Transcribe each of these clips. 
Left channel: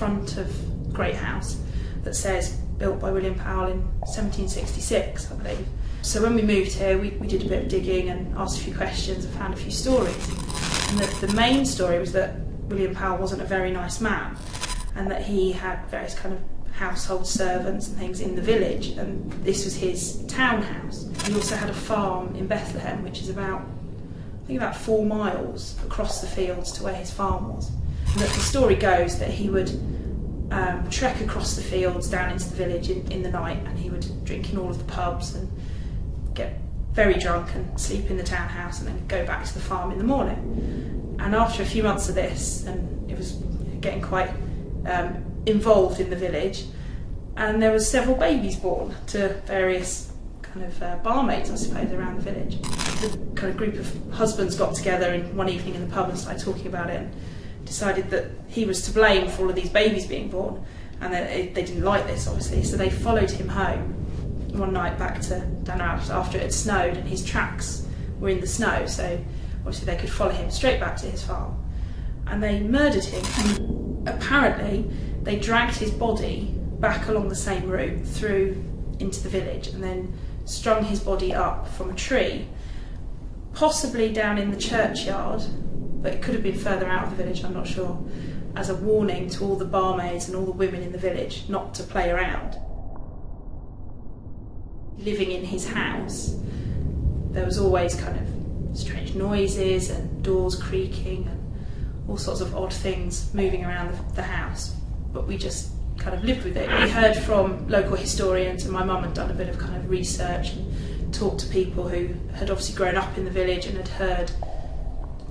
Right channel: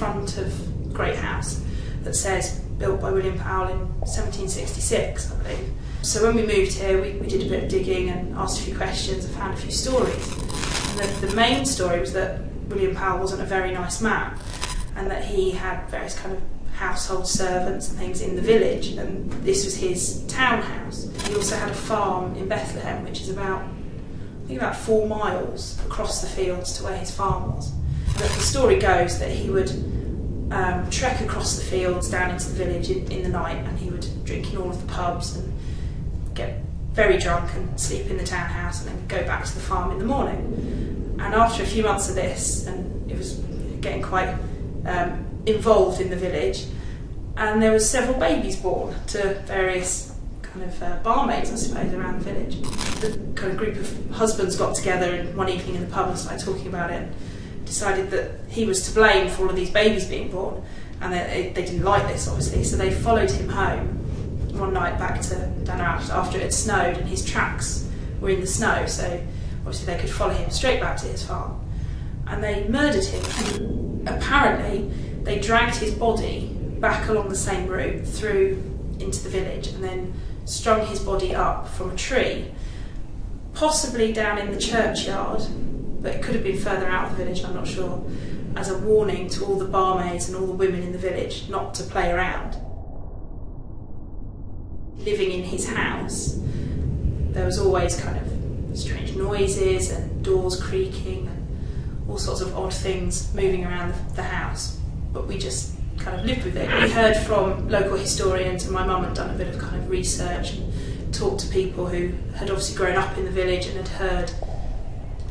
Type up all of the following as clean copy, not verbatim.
front of Great House that says built by William Powell in 1766, I believe. So when we moved here, we did a bit of digging and asked a few questions and found a few stories. And the main story was that William Powell wasn't a very nice man, and that he had various kind of household servants and things in the village, and this was his townhouse. He also had a farm in Bethlehem, which is about 4 miles across the fields to where his farm was. And the story goes that he would trek across the fields down into the village in the night, and he would drink in all of the pubs and get very drunk and sleep in the townhouse and then go back to the farm in the morning. And after a few months of this, and it was getting quite involved in the village, and there was several babies born to various kind of barmaids, I suppose, around the village. The kind of group of husbands got together one evening in the pub and started talking about it, and decided that he was to blame for all of these babies being born, and they didn't like this, obviously, so they followed him home one night back to down after it had snowed, and his tracks were in the snow, so obviously they could follow him straight back to his farm. And they murdered him, and apparently they dragged his body back along the same route through into the village, and then strung his body up from a tree, possibly down in the churchyard, but it could have been further out of the village, I'm not sure, as a warning to all the barmaids and all the women in the village not to play around. Living in his house, there was always kind of strange noises and doors creaking and all sorts of odd things moving around the house, but we just kind of lived with it. We heard from local historians, and my mum had done a bit of kind of research and talked to people who had obviously grown up in the village and had heard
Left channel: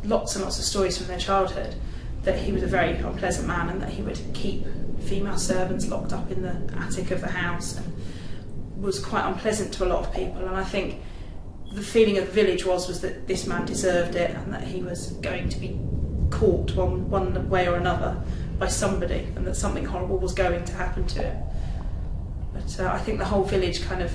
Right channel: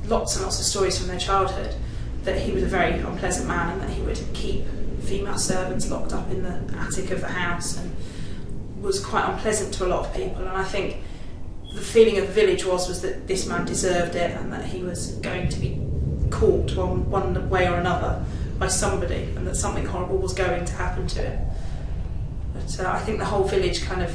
lots and lots of stories from their childhood, that he was a very unpleasant man and that he would keep female servants locked up in the attic of the house and was quite unpleasant to a lot of people. And I think the feeling of the village was that this man deserved it, and that he was going to be caught one way or another by somebody, and that something horrible was going to happen to him. But I think the whole village kind of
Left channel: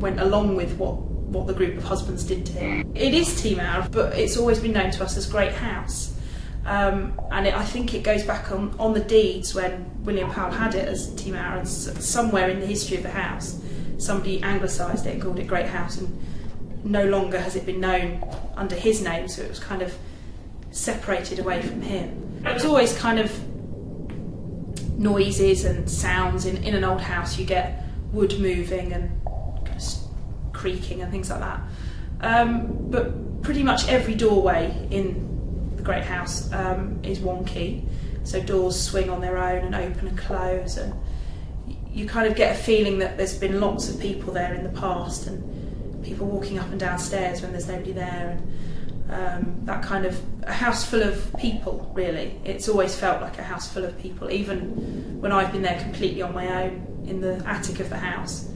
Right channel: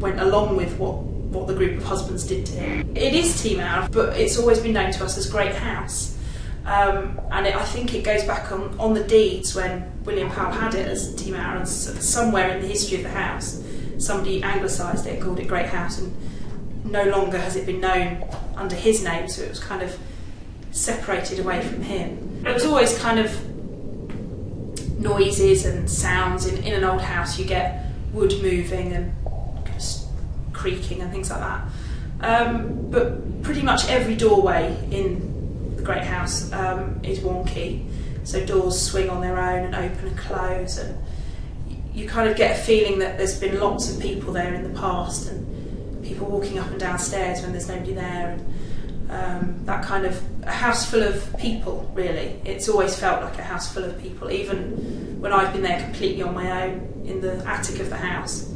went along with what the group of husbands did to him. It is Tŷ Mawr, but it's always been known to us as Great House. I think it goes back on the deeds when William Powell had it as Tŷ Mawr, and somewhere in the history of the house somebody anglicised it and called it Great House, and no longer has it been known under his name, so it was kind of separated away from him. There was always kind of noises and sounds in an old house. You get wood moving and kind of creaking and things like that. But pretty much every doorway in the Great House is wonky, so doors swing on their own and open and close, and you kind of get a feeling that there's been lots of people there in the past, and people walking up and down stairs when there's nobody there, and that kind of a house full of people, really. It's always felt like a house full of people, even when I've been there completely on my own in the attic of the house.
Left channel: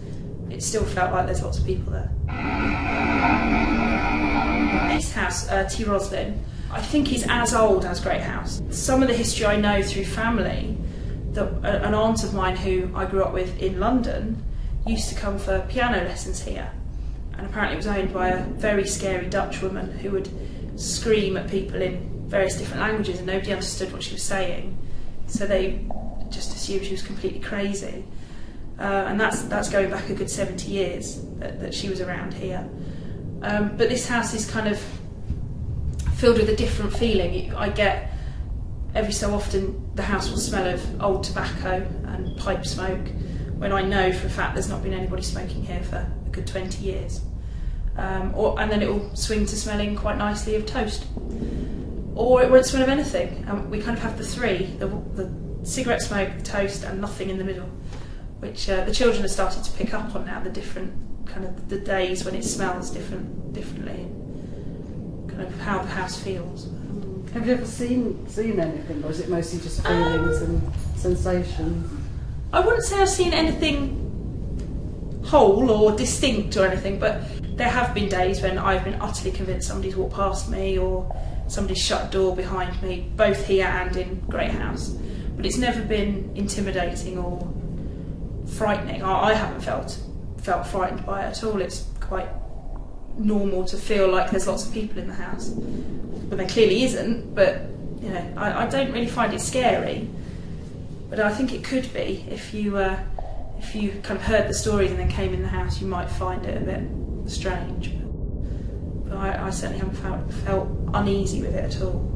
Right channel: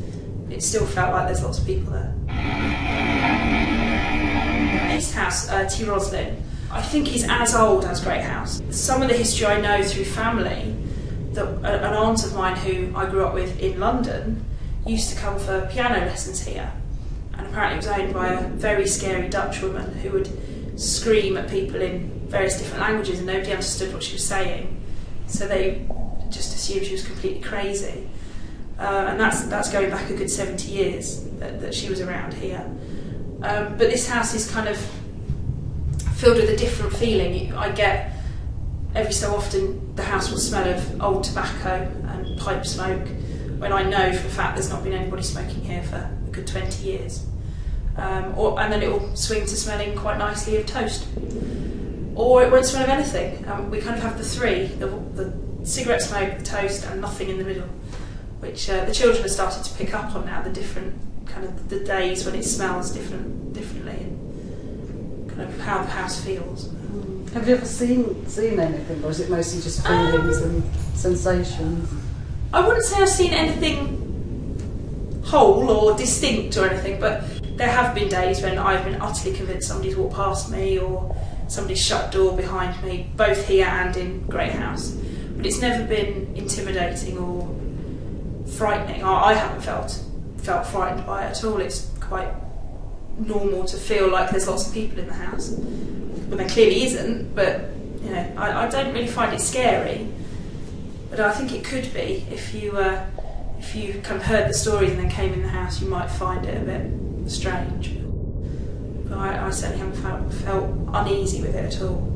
It still felt like there's lots of people there. This house, Tŷ Roslin, I think is as old as Great House. Some of the history I know through family, that an aunt of mine who I grew up with in London used to come for piano lessons here, and apparently it was owned by a very scary Dutch woman who would scream at people in various different languages and nobody understood what she was saying, so they just assumed she was completely crazy. And that's going back a good 70 years that she was around here. But this house is kind of filled with a different feeling. I get every so often the house will smell of old tobacco and pipe smoke, when I know for a fact there's not been anybody smoking here for a good 20 years. And then it will swing to smelling quite nicely of toast. Or it won't smell of anything. We kind of have the three, the cigarette smoke, the toast, and nothing in the middle, which the children have started to pick up on now, the different kind of the days when it smells differently, and kind of how the house feels. Have you ever seen anything, or is it mostly just feelings and sensations? I wouldn't say I've seen anything whole or distinct or anything, but there have been days when I've been utterly convinced somebody's walked past me, or somebody's shut door behind me, both here and in Great House. But it's never been intimidating or frightening. I haven't felt frightened by it at all. It's quite normal to feel like there's lots of people in the house, but there clearly isn't. But you know, I don't really find it scary. But I think it could be if you kind of heard the stories and then came in the house, you might find it a bit strange. But I certainly haven't felt uneasy with it at all.